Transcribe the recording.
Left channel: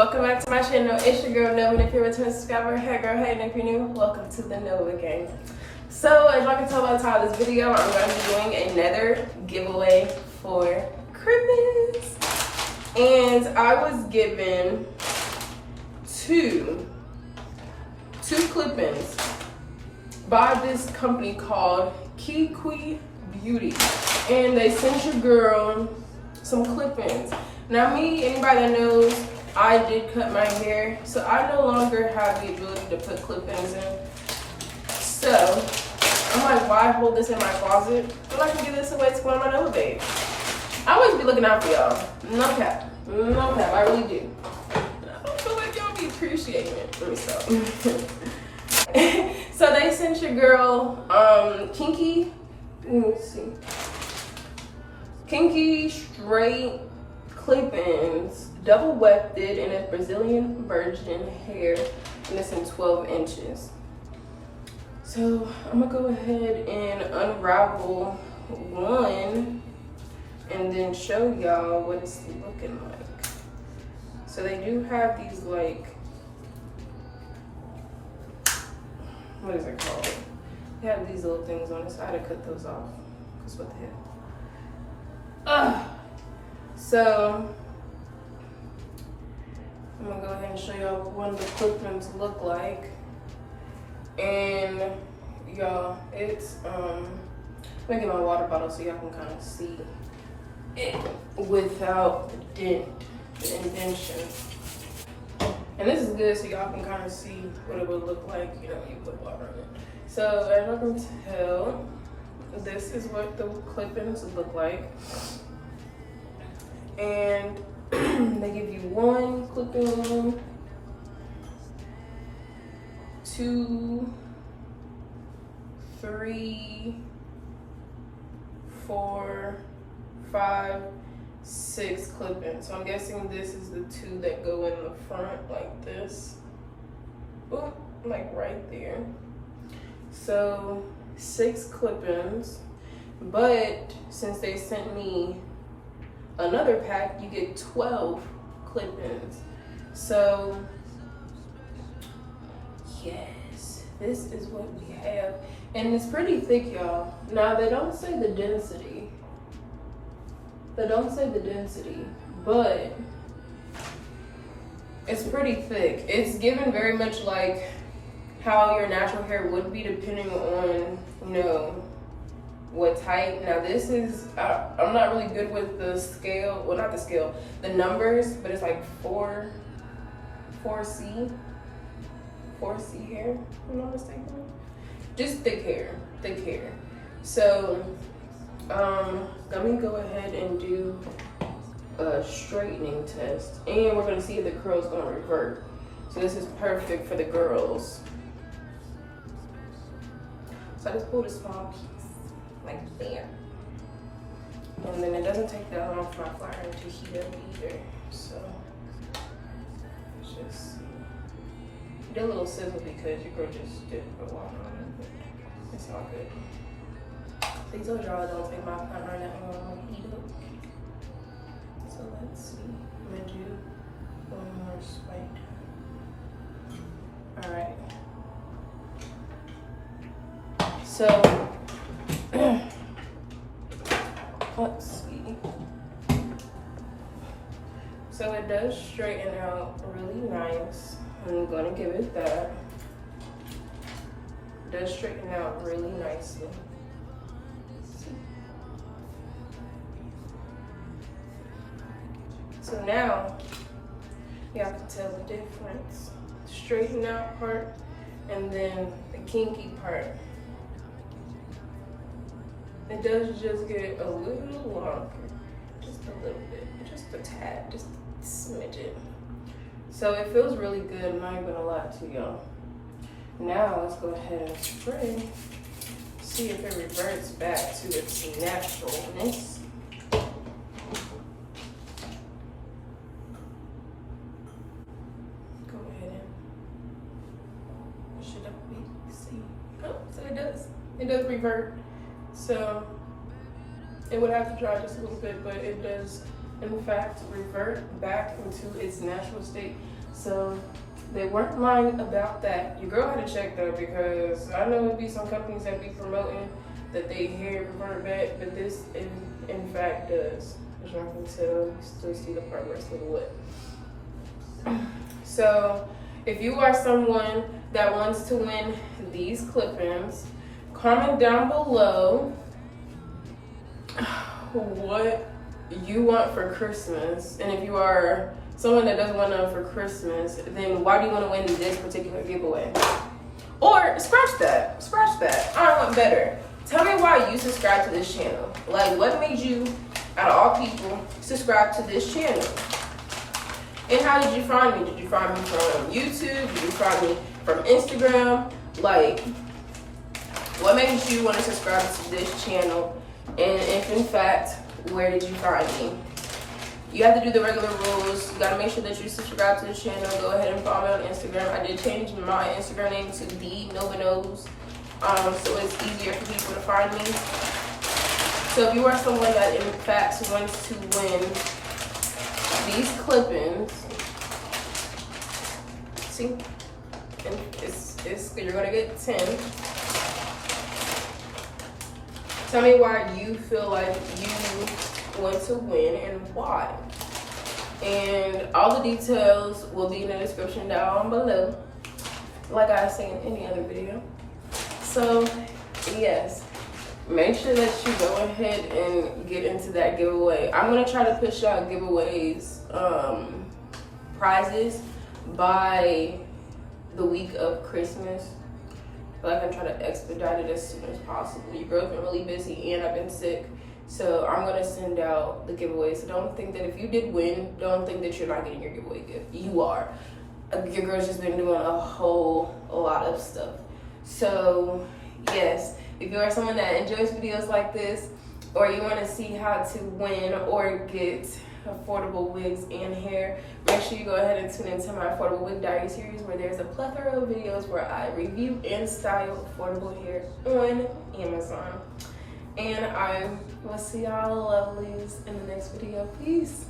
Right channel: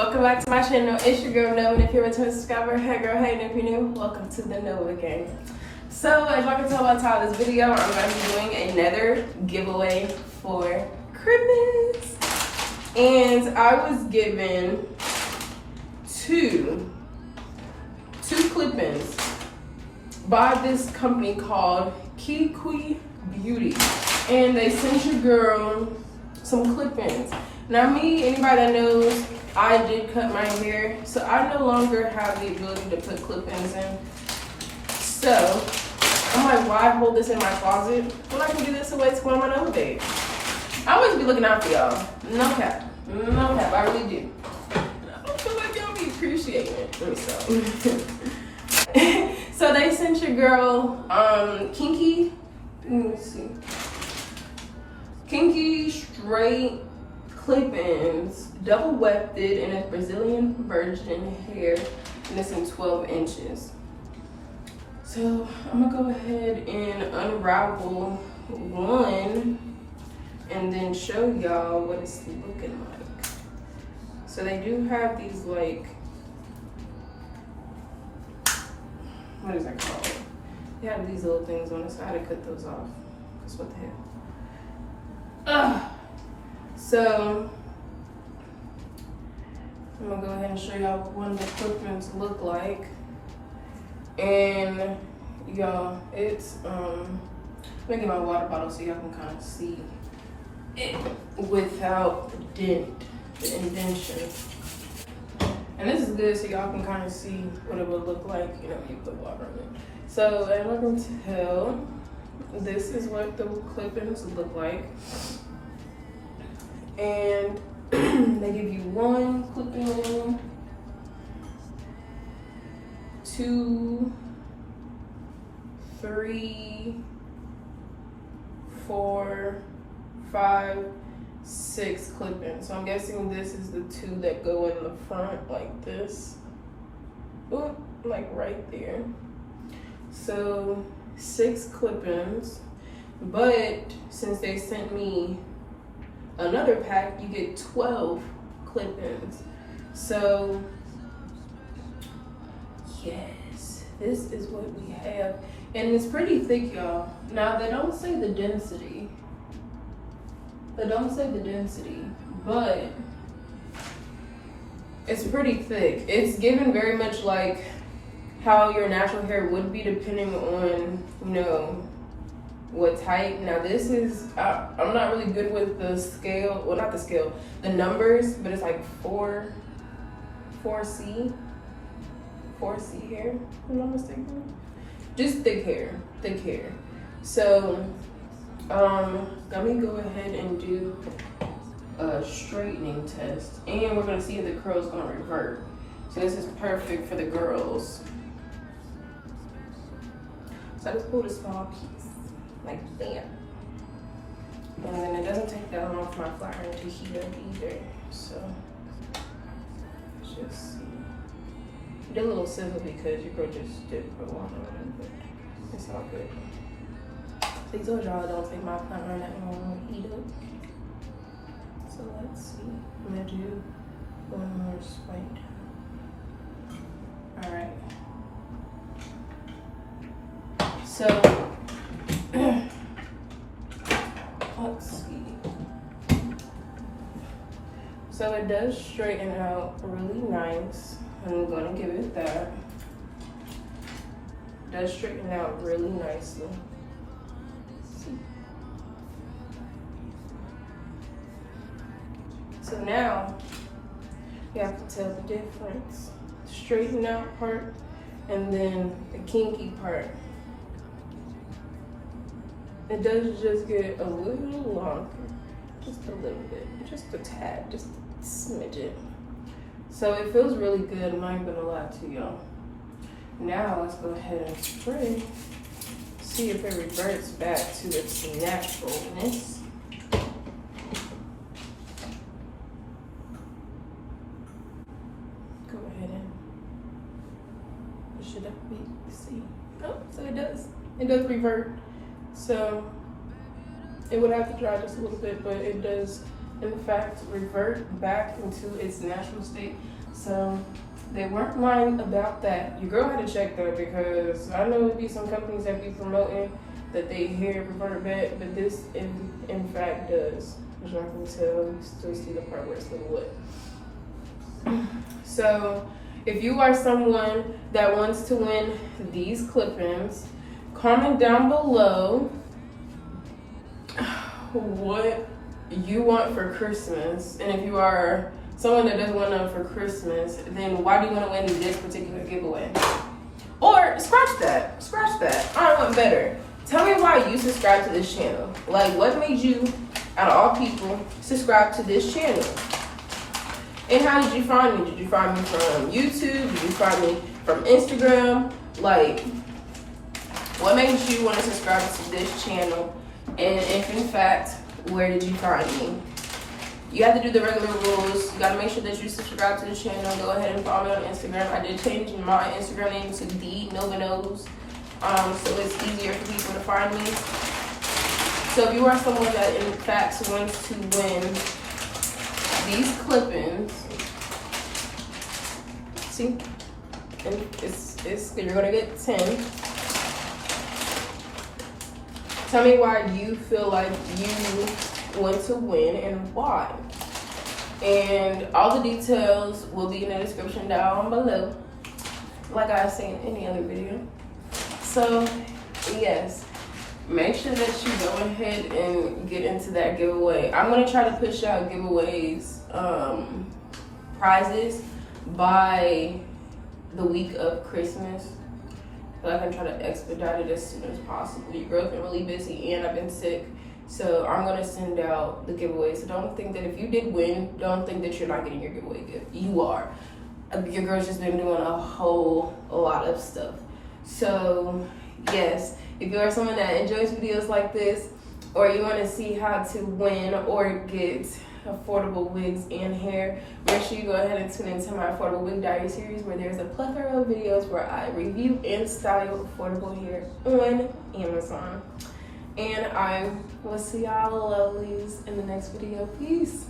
Welcome back to my channel. It's your girl Nova, and if you're a returning subscriber, hey girl, hey, and if you're new, welcome to the Nova gang. So as y'all can tell by the title of this video, I'm going to be doing another giveaway for Christmas. And I was given two clip-ins by this company called Kinky Beauty, and they sent your girl some clip-ins. Now me, anybody that knows, I did cut my hair, so I no longer have the ability to put clip-ins in. So I'm like, why hold this in my closet when I can give this away to one of my Nova babes? I always be looking out for y'all. No cap, I really do. I don't feel like y'all be appreciating it. Let me stop. So they sent your girl Kinky. Let me see. Kinky straight clip-ins, double wefted, and it's Brazilian virgin hair, and it's in 12 inches. So I'm gonna go ahead and unravel one and then show y'all what it's looking like. So they do have these, like, what is that called? They have these little things on the side. I cut those off, because what the hell? So I'm gonna go ahead and show y'all what the clip-ins look like. And y'all, it's I'm gonna get my water bottle so y'all can kind of see it without the indentation. And this is good so y'all can kind of see what it would look like, you know, when you put water in it. So as y'all can tell, this is what the clip-ins look like. And they give you 1 clip-in, 2, 3, 4, 5, 6 clip-ins. So I'm guessing this is the 2 that go in the front like this. Ooh, like right there. So 6 clip-ins, but since they sent me another pack, you get 12 clip-ins. So yes, this is what we have, and it's pretty thick, y'all. Now they don't say the density. But it's pretty thick. It's given very much like how your natural hair would be, depending on, you know, what type. Now this is, I'm not really good with the scale, well not the scale, the numbers, but it's like 4C hair, if I'm not mistaken. Just thick hair. So let me go ahead and do a straightening test, and we're gonna see if the curl's gonna revert. So this is perfect for the girls. So I just pulled a small piece like that, and then it doesn't take that long for my flat iron to heat up either. So let's just see. It did a little sizzle because your girl just did put one on, but it's all good. So you told y'all I don't take my flat iron that long to heat up. So let's see. I'm gonna do one more spike. All right. So let's see. So it does straighten out really nice. I'm going to give it that. It does straighten out really nicely. So now you have to tell the difference. The straighten out part and then the kinky part. It does just get a little longer, just a little bit, just a tad, just a smidget. So it feels really good, I'm not even gonna lie to y'all. Now let's go ahead and spray, see if it reverts back to its naturalness. Go ahead and push it up a bit, see. Oh, so it does revert. So It would have to dry just a little bit, but it does in fact revert back into its natural state. So they weren't lying about that. Your girl had to check though, because I know it'd be some companies that be promoting that they hair revert back, but this in fact does. As y'all can tell, you still see the part where it's a little wet. So if you are someone that wants to win these clip-ins, comment down below what you want for Christmas. And if you are someone that doesn't want none for Christmas, then why do you want to win this particular giveaway? Or scratch that, I want better. Tell me why you subscribe to this channel. Like, what made you, out of all people, subscribe to this channel? And how did you find me? Did you find me from YouTube? Did you find me from Instagram? Like, what made you want to subscribe to this channel? And if in fact, where did you find me? You have to do the regular rules. You gotta make sure that you subscribe to the channel. Go ahead and follow me on Instagram. I did change my Instagram name to 𝘚𝘏𝘠𝘪, so it's easier for people to find me. So if you are someone that in fact wants to win these clip-ins, see, and it's you're gonna get 10. Tell me why you feel like you want to win and why. And all the details will be in the description down below, like I say in any other video. So yes, make sure that you go ahead and get into that giveaway. I'm gonna try to push out giveaways, prizes by the week of Christmas. But I can try to expedite it as soon as possible. Your girl's been really busy and I've been sick. So I'm gonna send out the giveaways. So don't think that if you did win, don't think that you're not getting your giveaway gift. You are. Your girl's just been doing a whole lot of stuff. So yes, if you are someone that enjoys videos like this, or you wanna see how to win or get affordable wigs and hair, make sure you go ahead and tune into my Affordable Wig Diary series, where there's a plethora of videos where I review and style affordable hair on Amazon. And I will see y'all lovelies in the next video. Peace.